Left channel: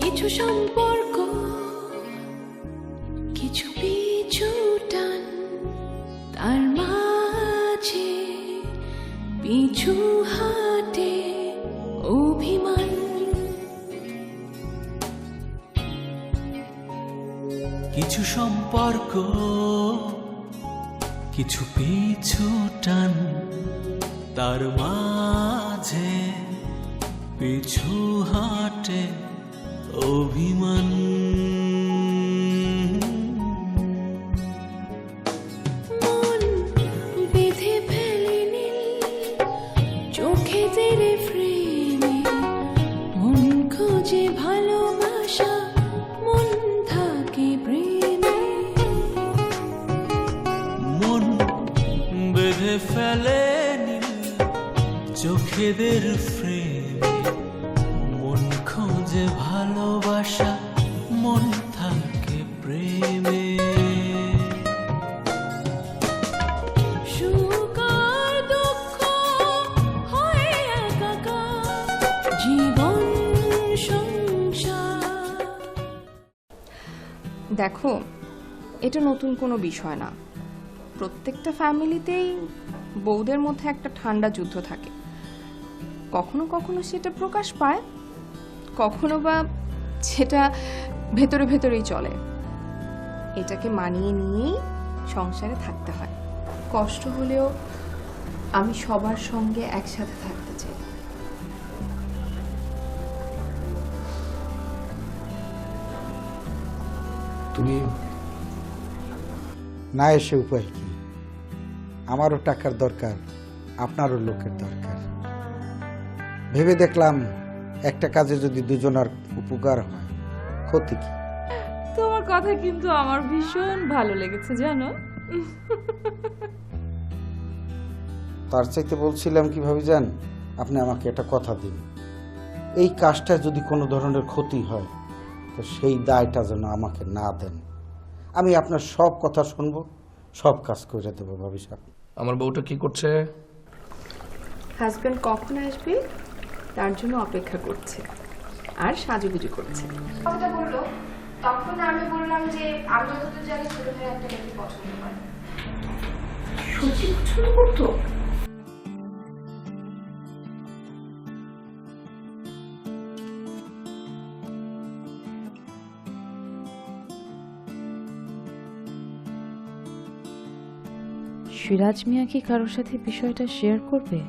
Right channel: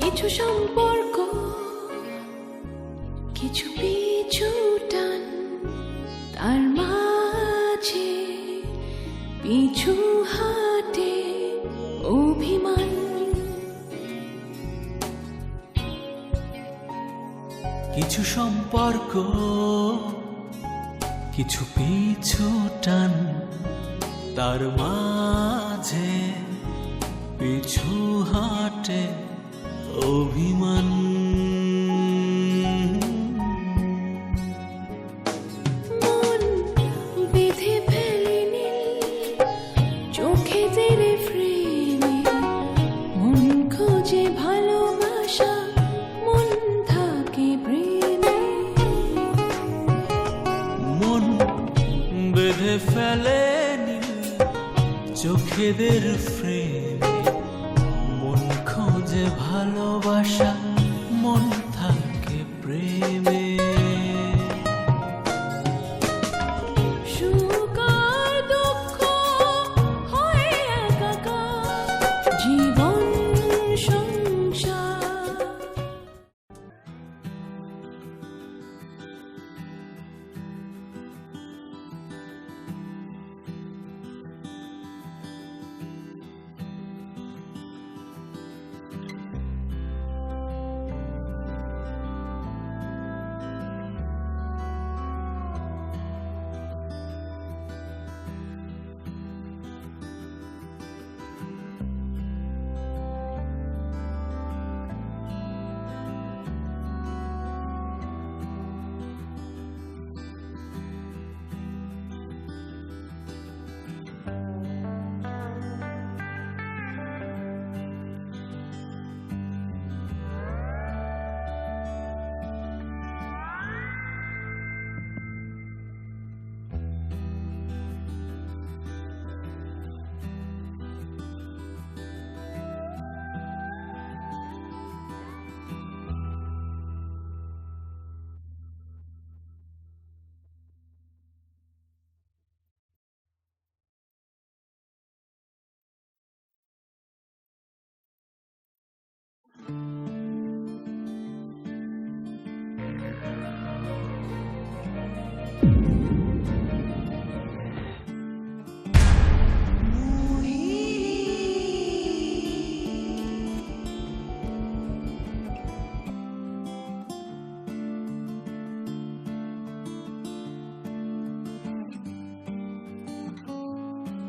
কিছু সম্পর্ক, কিছু পিছু টান, তার মাঝে পিছু হাটে অভিমান। কিছু সম্পর্ক, কিছু পিছু টান, তার মাঝে পিছু হাটে অভিমান। মন বেঁধে ফেলেনি চোখে তেরে ফ্রেমে, মন খোঁজে ভালোবাসা, মন থাকে প্রেমে। মন বেঁধে ফেলে নীল চোখেদের ফ্রেমে, মন খোঁজে ভালোবাসা, মন থাকে প্রেমে। সুখ আর দুঃখ হয় একাকার, জীবন সংসার। দেখো, এটা নতুন কোনো বিষয় না। প্রত্যেকটা ফ্যামিলিতেই বউদের মধ্যে একটা ঠান্ডা যুদ্ধ থাকে। কখনো কখনো সেটা প্রকাশ পায়, কখনো বা সেটা ভেতরে ভেতরেই চলে। এটাকে মানিয়ে নিয়েই সংসারে থাকতে হয়। কষ্ট হলেও আমি সবার সঙ্গে একসাথে থাকতে চাই। তুমি না এসে উপায় কি? আমারও টাকার দরকার, আপনারও লোকের দরকার। ভেবে দেখলাম একটা কাজে যদি দুজনের উপকার হয়, ক্ষতি কি? তোমার কথা কিন্তু আমার ভীষণ ভালো লেগেছে জানো। তার চাইতে বলছিলাম কিভাবে জান, আপনি আমাকে একটা কথা দিন, এই কাজটা যদি কোনো ধরনের ক্ষতি হয় তো সেই দায়টা যেন আমাকে না দেন। আমি আপনার সব কথা শুনবো, সব কাজ করে দেবো। ভাবি সাহেব, আমার বউটা কি করছে? হাজবেন্ড কখন আসবে তার জন্য অপেক্ষা করছে আর সাজুগুজু করছে। কথা বললো, তখন আমি বললাম যে আমি তো জানি ছেলেকে একটা মেয়ে পছন্দ করে। সত্যি পছন্দ করতো? সিরাজ মিয়া কি কারোর সাথে বিষয়টা শেয়ার করবে?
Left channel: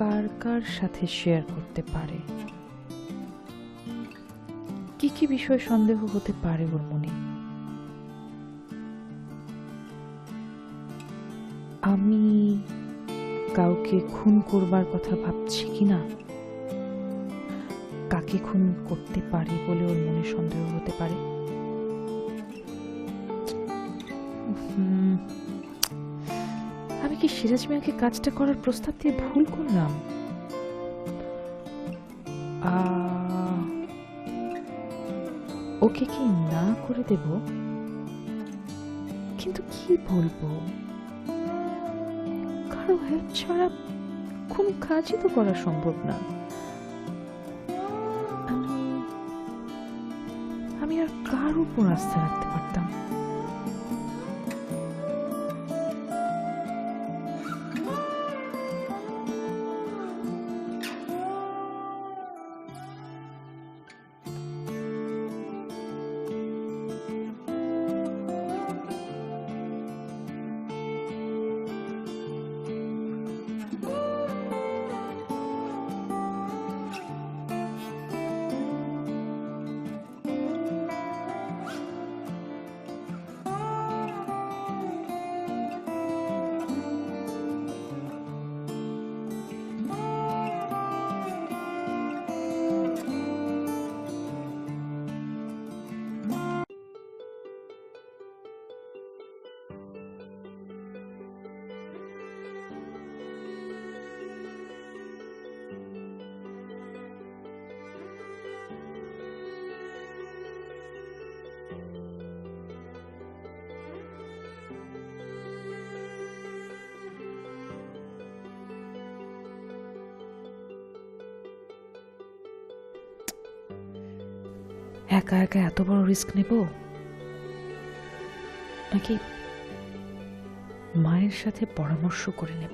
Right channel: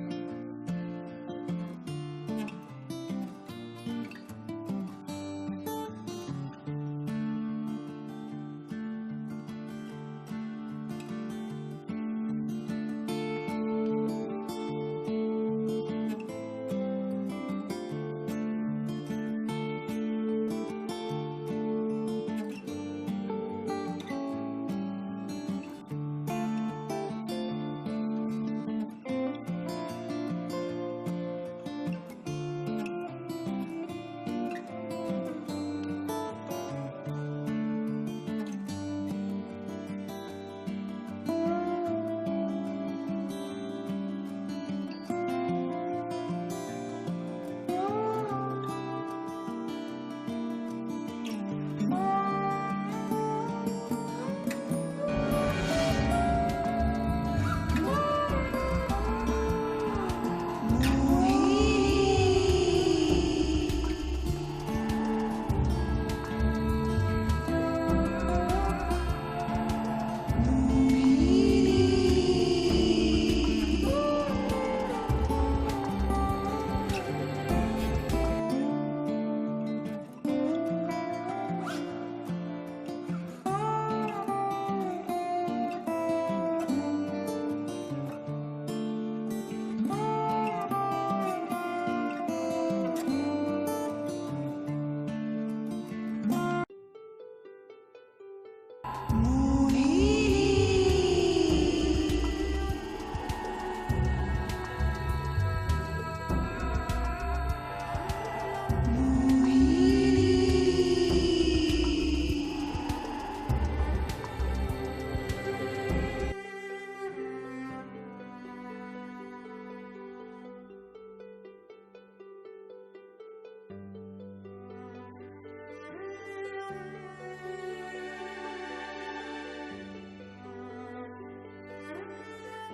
কার কার সাথে শেয়ার করতে পারে? কি কি বিষয় সন্দেহ হতে পারে ওর মনে? আমি কাউকে খুন করবার কথা ভাবছি কিনা, কাকে খুন করতে পারি বলে ওর মনে সন্দেহ হতে পারে। আমি কি সিরাজ মিয়াকে কাজটা করার প্রস্তাব দিয়ে ভুল করলাম? ওকে কি না করে দেব? কিন্তু কি বলবো? কারো হেল্প ছাড়া কোন কাজই তো করা সম্ভব না। আমি আর কার উপর আস্থা রাখতে পারতাম? একা একা এত বড় রিস্ক নেব, নাকি মায়ের সাথে পরামর্শ করে নেব?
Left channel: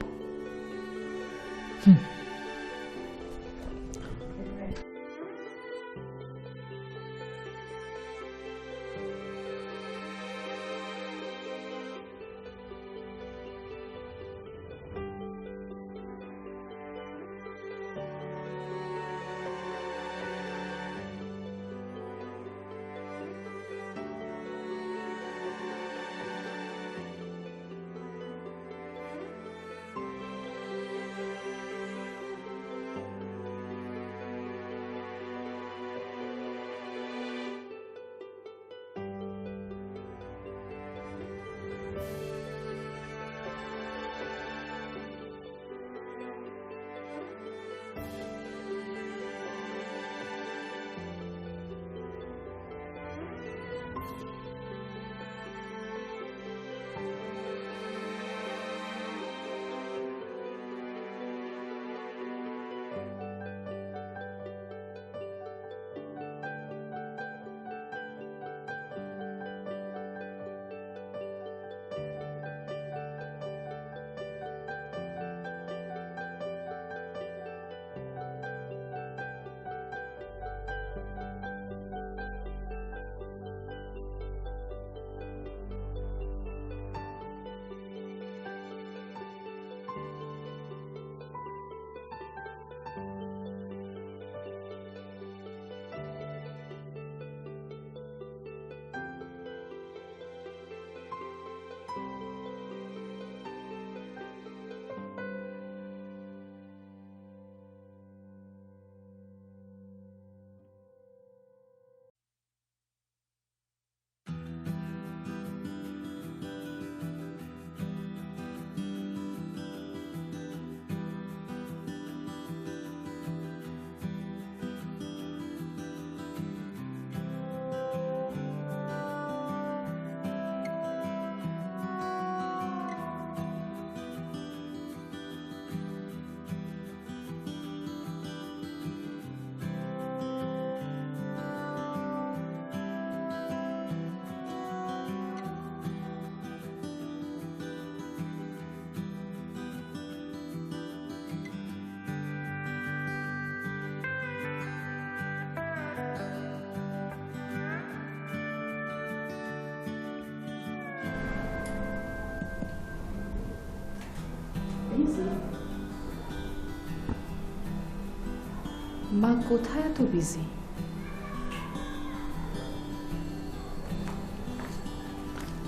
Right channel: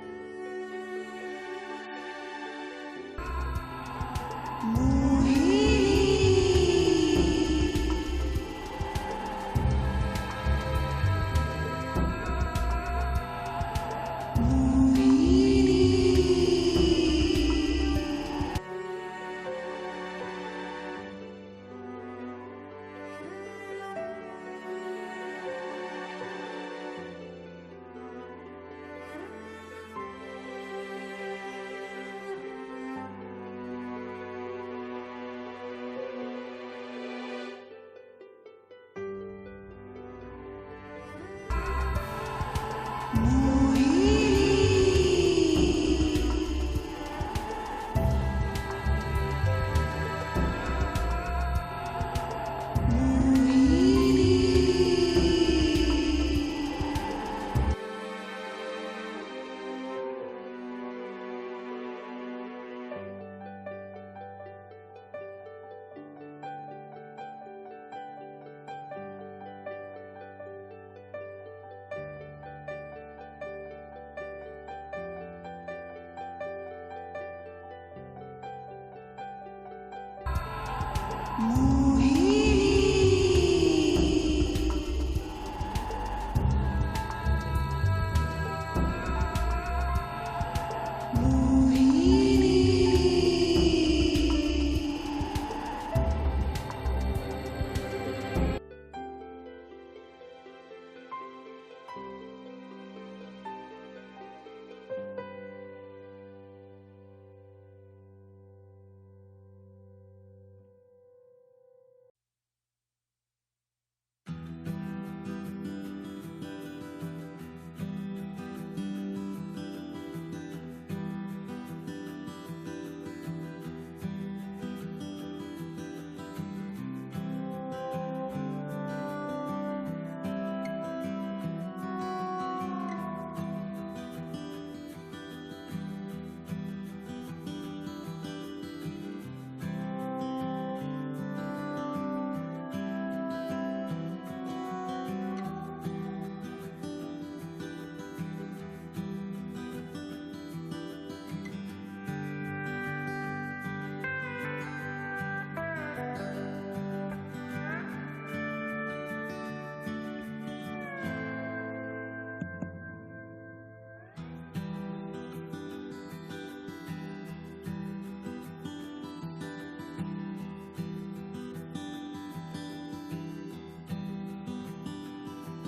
মা কোথায় এত বিজি?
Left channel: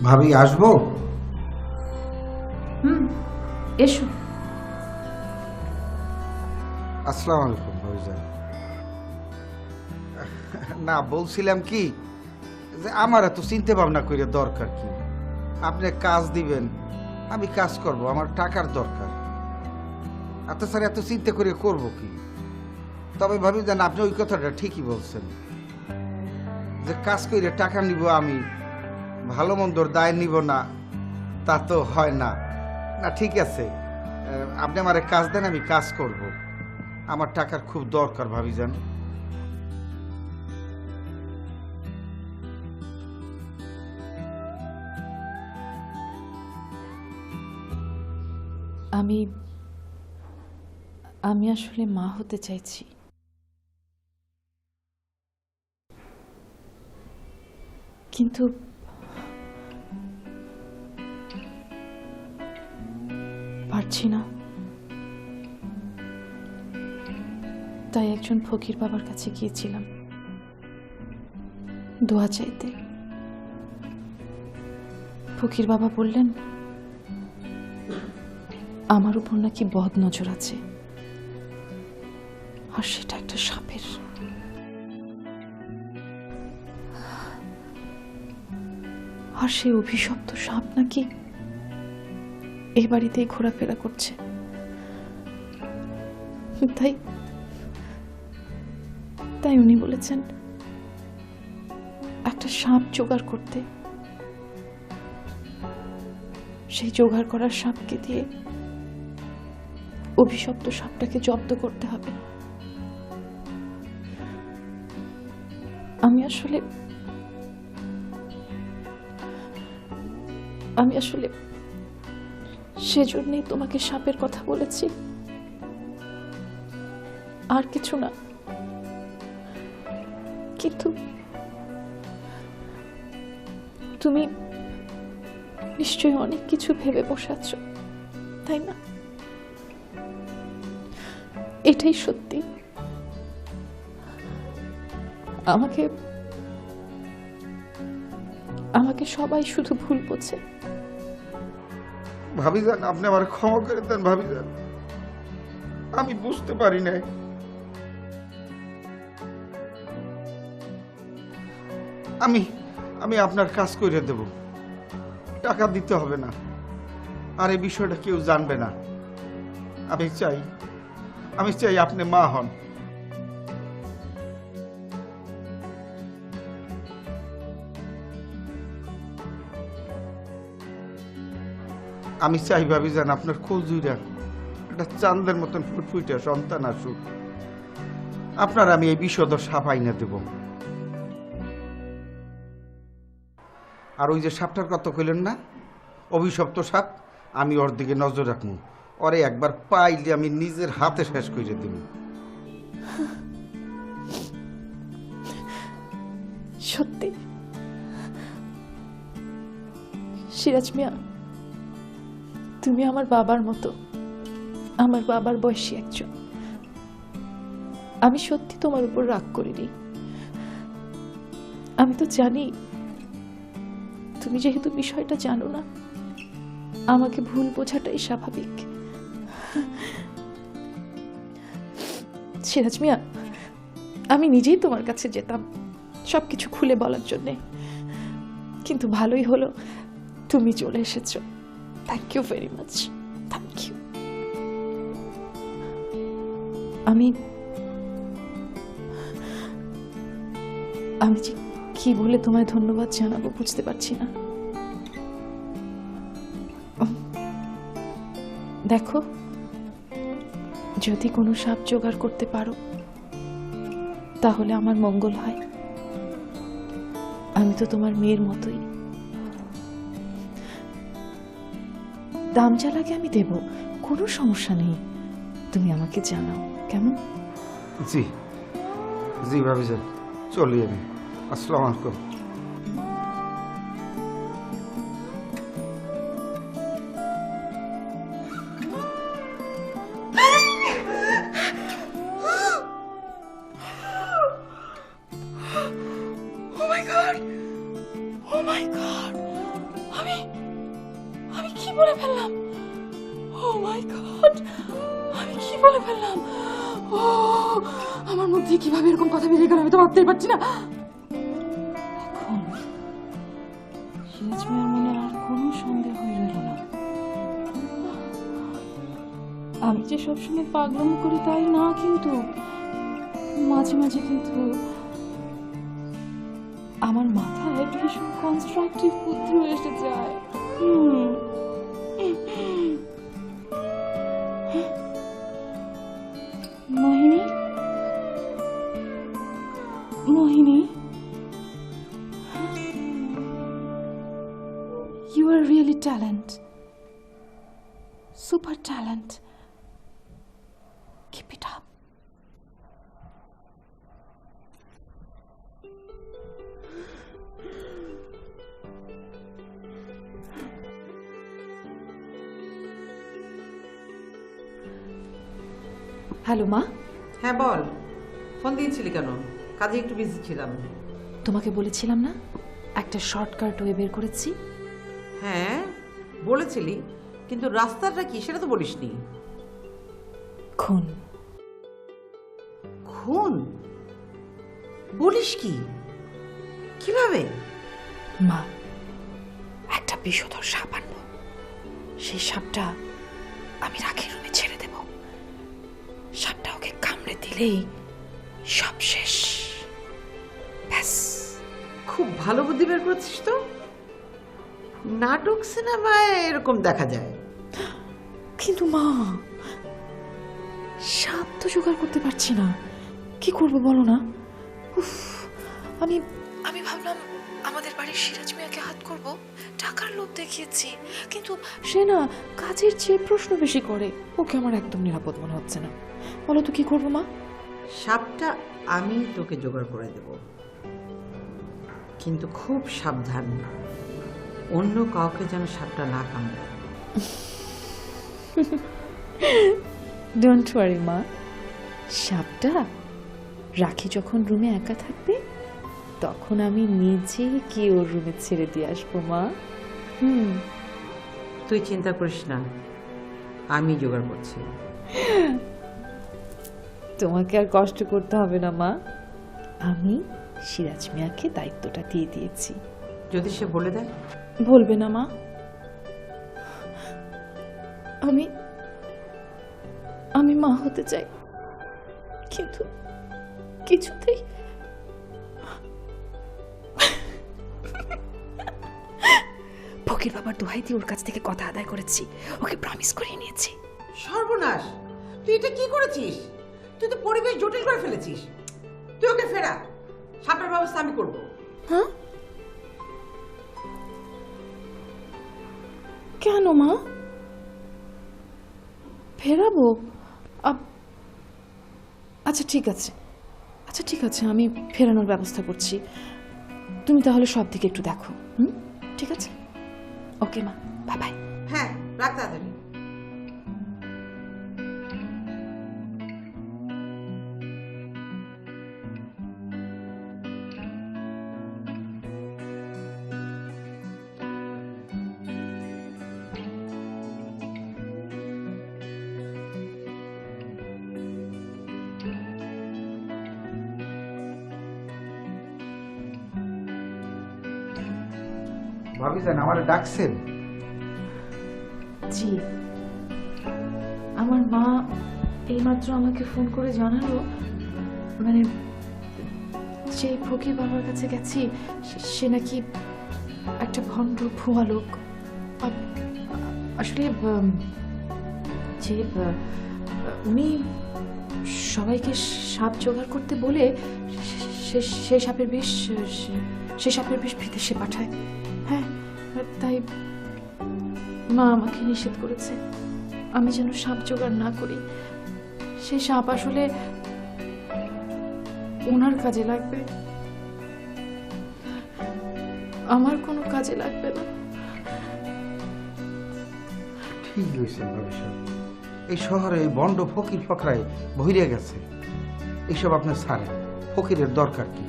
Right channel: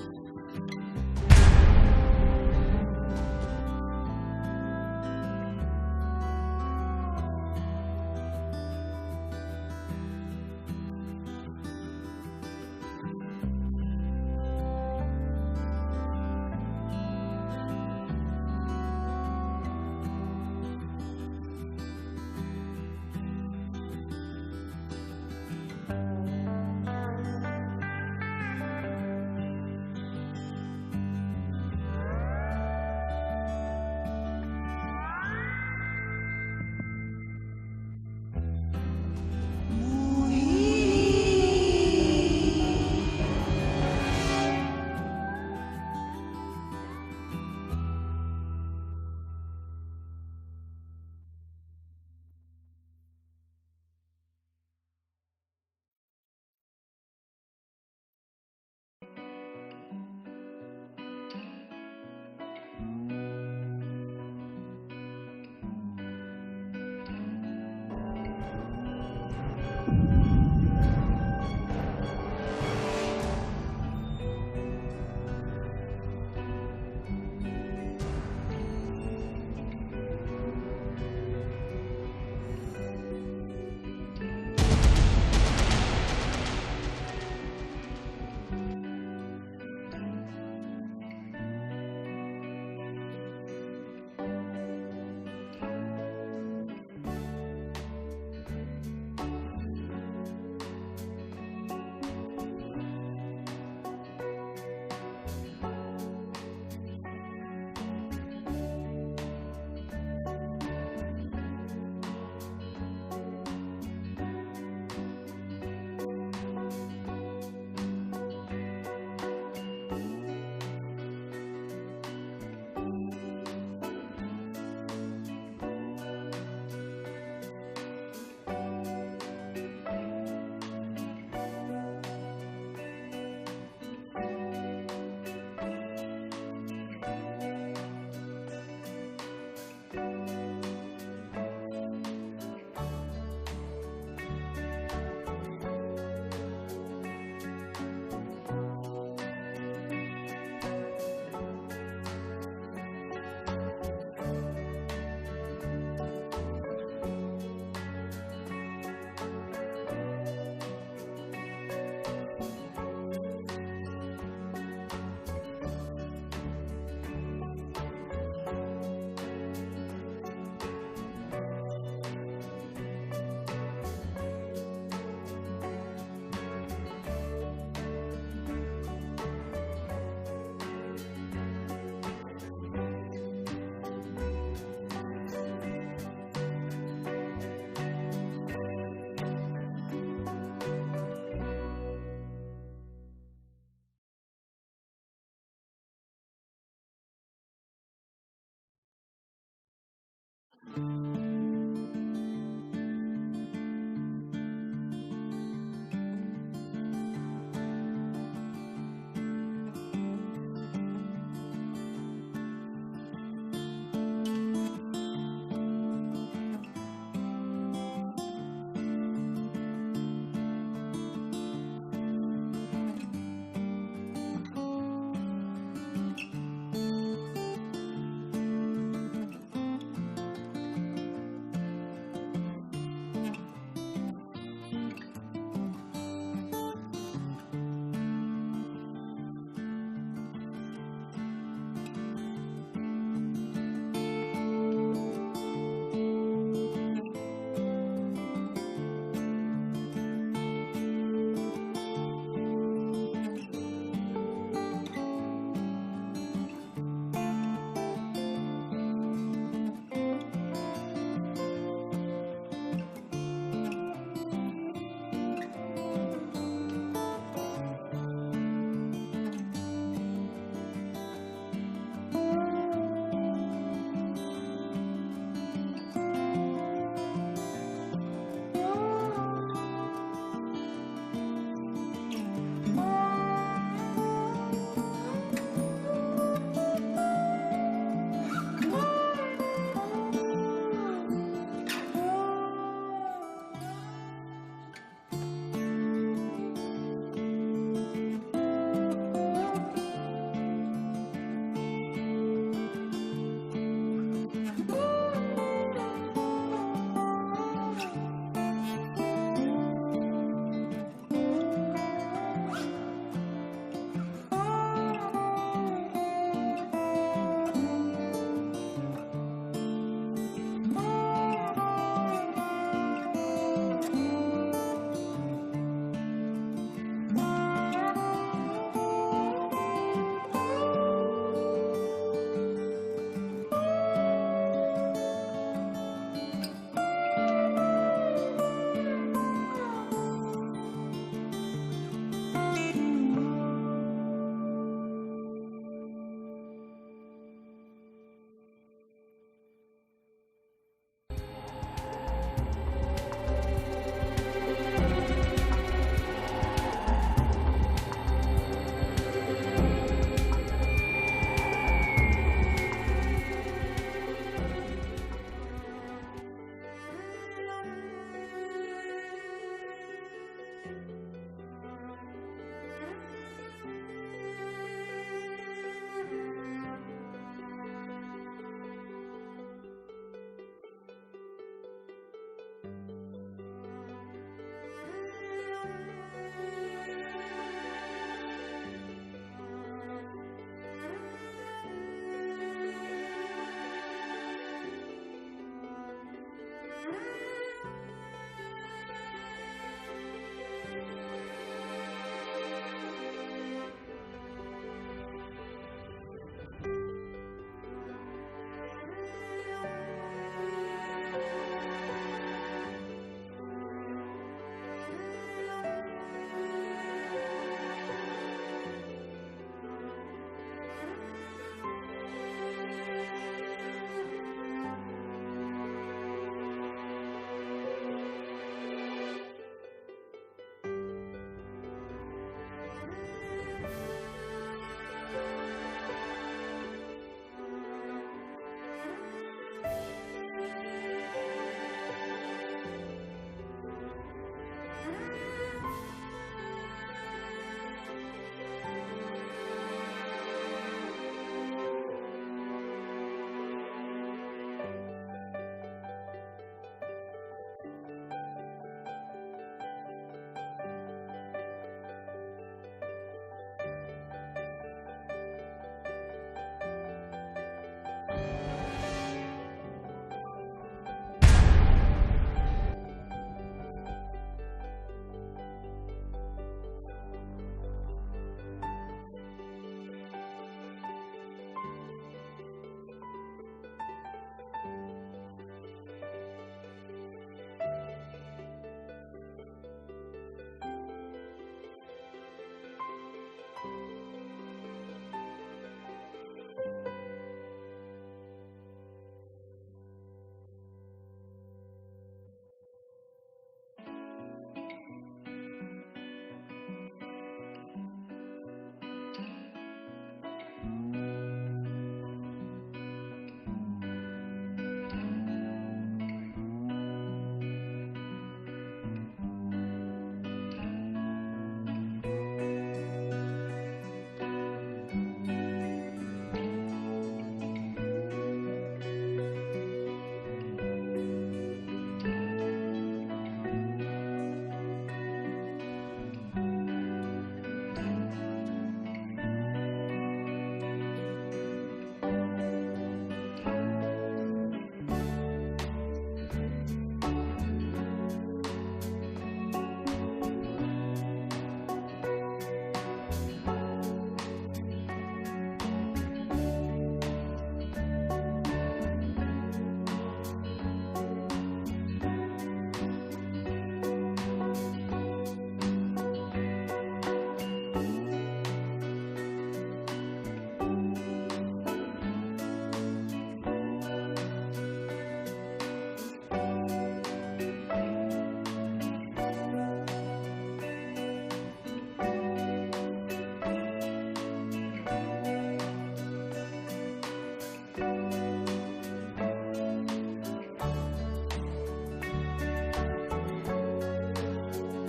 ভাবি আসবো? এসো। আসসালামু আলাইকুম ভাইজান। না, বলছিলাম কি যে আমার এত চিন্তা ভাবনা করে দরকার কি? আপনি কাজ দিবেন, আমি কাজ করব, আমার টাকার দরকার। এত স্যার এত চিন্তা করে করব কি? তবে ভাবি জান, আপনি ওই কথাটা ঠিকই বলছেন যে কাজ করে টাকা নিব, আমি ভালো মন্দর দায় নিব না, তা তো হয় না। না ঠিক আছে, আপনি আমার কাজ দেন, আমি কাজ করব। আমার টাকার খুব দরকার ভাবি জান। আমি আসলে মা হতে চাইছি। কিন্তু পারছি না। তাই একজন ফকির বাবার কাছে গিয়েছিলাম দোয়া চাইতে। ফকির বাবা বললেন আমার উপর নাকি বদ নজর আছে, আর সেটা একটা সাপের। আর সেই অভিশপ্ত সাপ নাকি এই বাড়িতেই ঘোরাফেরা করছে। তাই উনি বলেছেন একটা সাপ জোগাড় করতে। সেই জোগাড় করার সাপকে দিয়ে অভিশপ্ত সাপটাকে জব্দ করতে হবে। আমি আসলে সেজন্যই তোমাকে সাপের কথা বলেছি, আর কিছু না। কিন্তু তুমি নিশ্চয়ই অনেক কিছু ভেবে বসে আছো, তাই না? এটাই সত্যি। আমাকে সবাই শুধু ভুল বোঝে। ভাবিজান, আপনি আমার ক্ষমা করে দেন ভাবিজান, আমি বুঝতে পারি নাই। আমি আপনার কাজ করে দেব, টাকা দিতে হবে না, আর এই বিষয়টা কেউ জানবে না। আমি চাই আপনি মা হন। আমি চাই ভাবিজান আপনার খোঁজুরা একটা চাঁদের মতন ফুটফুটে সন্তান আসুক, আপনার আমি এই বিষদ সাপ আইনা দেব। আর ওই যে সাপটার কথা কইলেন না, অভিশপ্ত সাপ, আমি ওর দিকে নজর রাখবো, ওরে একবার পাইলে আমি নিজের হাতে শেষ করে দেব। সত্যি সিরাজ মিয়া, তুমি আমার বাবার মতো, আমার বাবার বয়সী একজন। আমি সত্যি তোমার উপর রাগ করিনি। আমি তো জানি তুমি যেহেতু বিষয়টা জানো না, আমাকে ভুল বোঝাটাই স্বাভাবিক। সিরাজ মিয়া, আমি নিজেই তোমার কাছে যেতাম সবকিছু খুলে বলার জন্যে, কিন্তু ভালোই হলো তুমি চলে এসেছো। Thank you very much, thank you. আমি যে কি বলে তোমায় ধন্যবাদ জানাবো বুঝতে পারছি না। দেখো, যদি কোনো সাপ জোগাড় করতে পারো তাহলে আমার মঙ্গল হয়। আমি তো তোমার মেয়ের মতোই, দাম যা লাগে আমি দেব, কোনো সমস্যা নেই। তুমি আমাকে জানাও, কেমন? জি জি ভাবিজান, চলিয়ে নি। আসসালামু আলাইকুম। আমি কি বলে ফেললাম? Oh my God! আমি কি বলে ফেললাম? আমার মধ্যে কিভাবে এরকম কথা বেরিয়ে গেল আমি তো ভাবতেই পারছি না। আমি যে সবসময় পাগলামি করি তাই না, কিন্তু মাঝে মাঝে কিন্তু আমার মাথায় কিছু কনস্ট্রাকটিভ বুদ্ধি এসে যায়। Mohini, you are really talent, super talent. Keep it up. Hello মা। হ্যাঁ বল, ফোন দিয়েছিলি কেন? কাজে একটু বিজি ছিলাম। তোমাকে বলেছিলাম না একটা শর্টকাট ওয়ে বের করেছি? হ্যাঁ বলেছিলি, কিন্তু রাস্তাটা কি সেটা তো বলিসনি। খুন। খুন? বলিস কি? কিভাবে? মা, একটা বিষধর সাপ আনবো, সেই সাপটা আমি রাখি রুমে ছেড়ে দেব। সাপটা ওকে কামড়ে দিলেই সব শেষ। ব্যাস। খুব ভালো বুদ্ধি বের করেছিস তো। নাটক সিনেমায় এরকম দেখা যায়। কিন্তু মা, সাপ তো জোগাড় করতে পারছি না, কি করবো বলো না? উফ, আমি আমি ভাবলাম আমাদের বাড়ির সিরাজ মিয়াকে হাত করব, টাকার লোভ দেখিয়েছি, কিন্তু সে না কাজের চেয়ে প্রশ্ন বেশি করে। ওকে আমার একদম নিরাপদ মনে হচ্ছে না। বলো তো কি করবো মা? সাপটা আমি তোকে জোগাড় করে দেব, কিন্তু খুব সাবধান, অন্য কাউকে যেন সাপটা না কামড়ে। ডোন্ট ওয়ারি মা, সাপটা রাখি যখন রুমে একা থাকবে তখন আমি নিজে গিয়ে ওর রুমে ছেড়ে দিয়ে আসবো মা। তুই চিন্তা করিস না, আমি জোগাড় করছি। তোমাকে আর কষ্ট করতে হবে না মা, আমি সিরাজ মিয়াকে দায়িত্বটা দিয়ে দিয়েছি। যদি সে বলে দেয়? বলবে না মা, আমি আমি মা হতে চাই, কিন্তু কিছুতেই ফকির বাবার দোহাই দিয়ে ওর কাছ থেকে কথা আদায় করেছি, ওকে প্রমিস করিয়ে নিয়েছি। সর্বনাশ, তুই এটা কি করেছিস? তুই তো পরিবেশ জটিল করে ফেলেছিস। তুই ওকে ফেরা, সাপের ব্যবস্থা আমি করবো। হ্যাঁ, কেন মা? ফেরাবো? আচ্ছা ঠিক আছে, আচ্ছা ঠিক আছে, আমি ফেরানোর ব্যবস্থা করছি। তুমি তাহলে সব দিকে একটু দেখো। ঠিক আছে, ওকে মা, বাই বাই। হ্যাঁ, রাখ তাড়াতাড়ি। ভাবি যান আমার ডাকছেন? জি, আমার মা এইমাত্র আমাকে ফোন করে জানালো, মানে যে ফকির বাবার কাছে গেছি সে নাকি একটা ভণ্ড ভুয়া লোক। আসলে যে উনি সবাইকে সাপ জোগাড় করতে বলে সে সাপের বিষ বিদেশে পাঠায়। হ্যাঁ, তাই মা আমাকে নিষেধ করেছে আমি যেন সাপ জোগাড় না করি। সে সাপ আসলে ওনার কাজে লাগবে, আমার কোনো কাজে লাগবে না। ঠিক হয়েছে ভাবি সাহেব। এই শহরে বন্ড ফকির ফকরায় ভইরে গেছে। এইসব আপনার ছাড়ে, ফকিরের দরকার কি?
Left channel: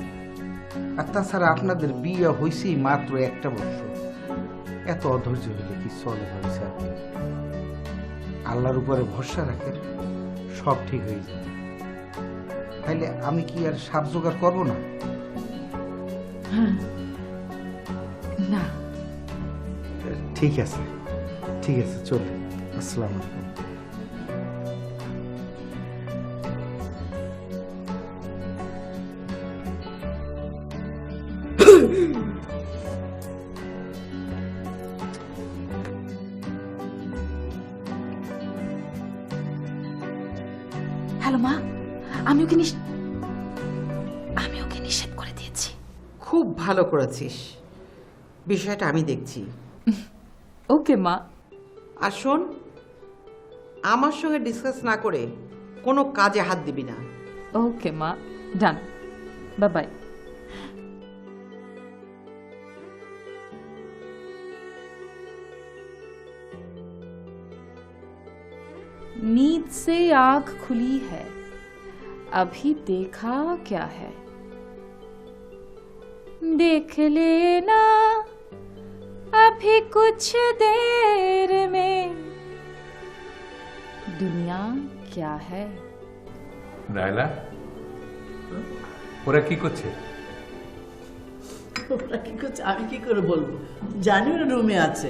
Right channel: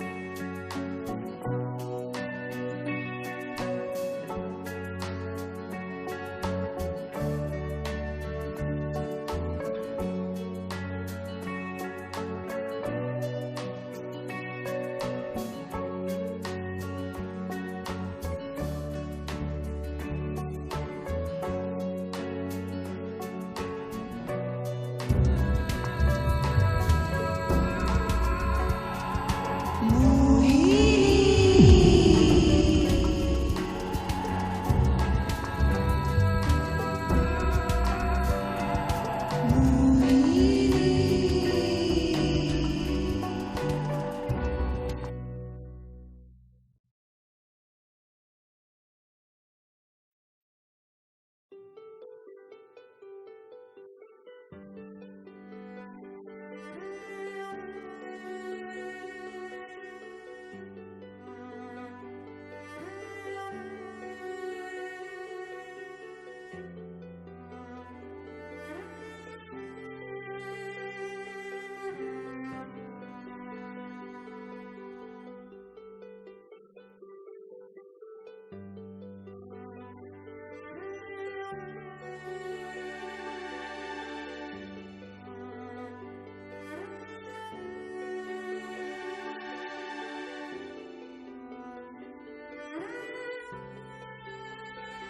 আর তাছাড়া আপনাদের বিয়ে হয়েছে মাত্র একটা বছর, এত অধৈর্য হলে কি চলে? আল্লাহর উপরে ভরসা রাখে, সব ঠিক হয়ে যাবে। তাইলে আমি কি আর সাপ জোগাড় করবো না? না, ঠিক আছে, ঠিক আছে, চলো। আসসালামু আলাইকুম। হ্যালো মা, আমি ওকে নিষেধ করে দিয়েছি। খুব ভালো করেছিস, বিষয়টা আমি দেখছি। ওকে মা। আর শোন, আমার সঙ্গে ডিসকাস না করে কোনো কাজে হাত দিবি না। ওকে মা, ডান, বাই বাই। नींद से आंख खुली है, अभी देखा क्या है, देख लेना अभी कुछ देर में दुनिया क्या है। রায়লা, ওরা কি করছে? ওরা কি করছে আমি কি করে বলবো, জানি ওরা রুমে আছে।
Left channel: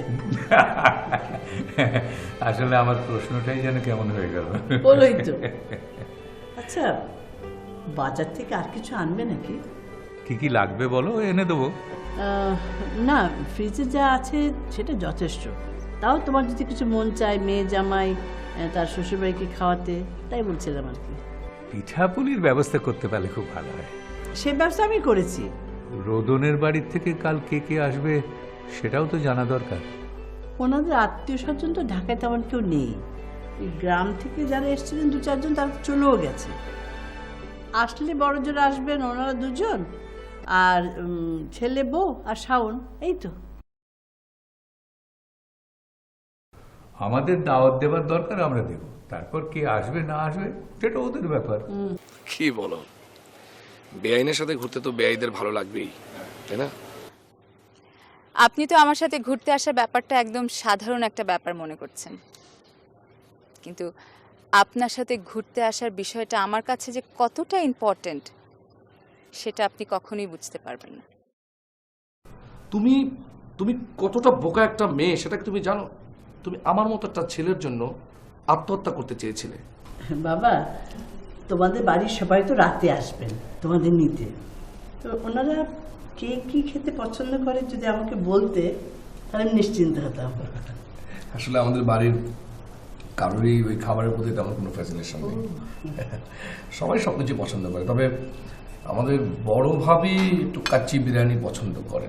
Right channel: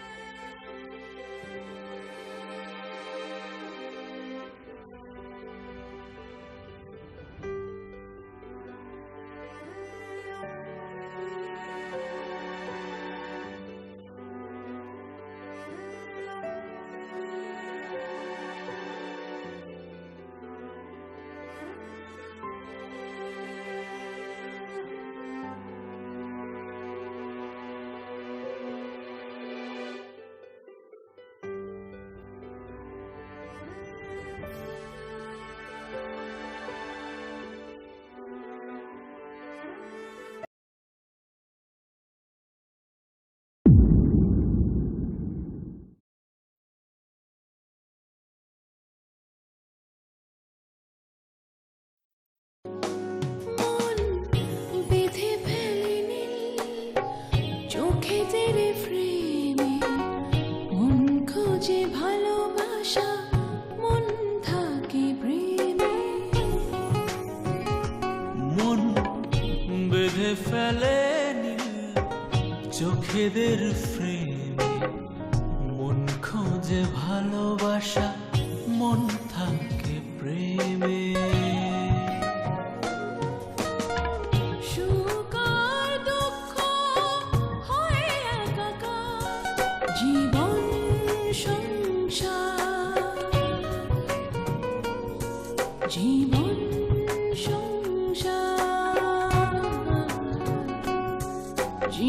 আসলে আমার প্রশ্নটাই যেন কেমন হয়ে গেল। বলোই তো। আচ্ছা, বাজার থেকে আর কিছু আনবে নাকি? কি কি লাগবে বলো, এনে দেবো। না, ফ্রিজে যা আছে সেটা যথেষ্ট। তাও তোমার যদি কিছু মন চায় মেয়ে জামাই তার শ্বশুরবাড়িকে খাওয়াতে, তাই বলছিলাম আর কি। পিঠাপুলির ব্যবস্থা করতে পারলে খুব ভালো হয়। সে ব্যবসা আমি করেছি, রোদনের বাড়ির থেকে কাল কে কে আসবে সেটাও তো জানা দরকার। ওনাদের আত্মীয় স্বজন তো ঢাকায় তেমন কেউ নেই। এই গ্রাম থেকে যারা এসেছিলেন 2-4 জন তারা চলেও গেছে। আসলে বড় জোর আসবেন ওনারা 2 জন, আর ছেলে বউ আর শাওন, এই তো। আমাদের দাওয়াত দেবার দরকার, আমরা দেব। তারপর কে আসবে না আসবে সেটা ওদের ব্যাপার। কি বলো, বেআইনের সাথে ঘুরতে তো বেআইদের ভালো লাগবেই, তাই না? আপনি তো আমার সাথে ঘুরতে আসা ব্যাপারটা একদম সাধারণ একটা ব্যাপার মনে করছেন, কিন্তু আপনার সাথে ঘুরতে আসার বিষয়টা আমার কাছে যে কতটা ইম্পর্টেন্ট সেটা আপনি কখনো বুঝতে পারবেন না। তুমি কতটা বোকা একটা মেয়ে সেটা তুমি জানো? আমার মতো একটা ছেলের জন্য আত্মহত্যা করতে চেয়েছিলে। বাবা, তোমাদের বাড়ির সবাই তো রাতে আসবে তোমাদের নিতে, তো ওনারা কে কি খেতে পছন্দ করে যদি আমাকে বলতে তাহলে নিশ্চিন্ত হতাম। আসলে আমাদের বাড়ির কারোরই ওই খাবারের প্রতি তেমন কোনো ফ্যাসিনেশন নেই। সবাই সব কিছু পছন্দ করে, তবে আমাদের বড় ভাবি একটু কাচ্চি বিরিয়ানি পছন্দ করে।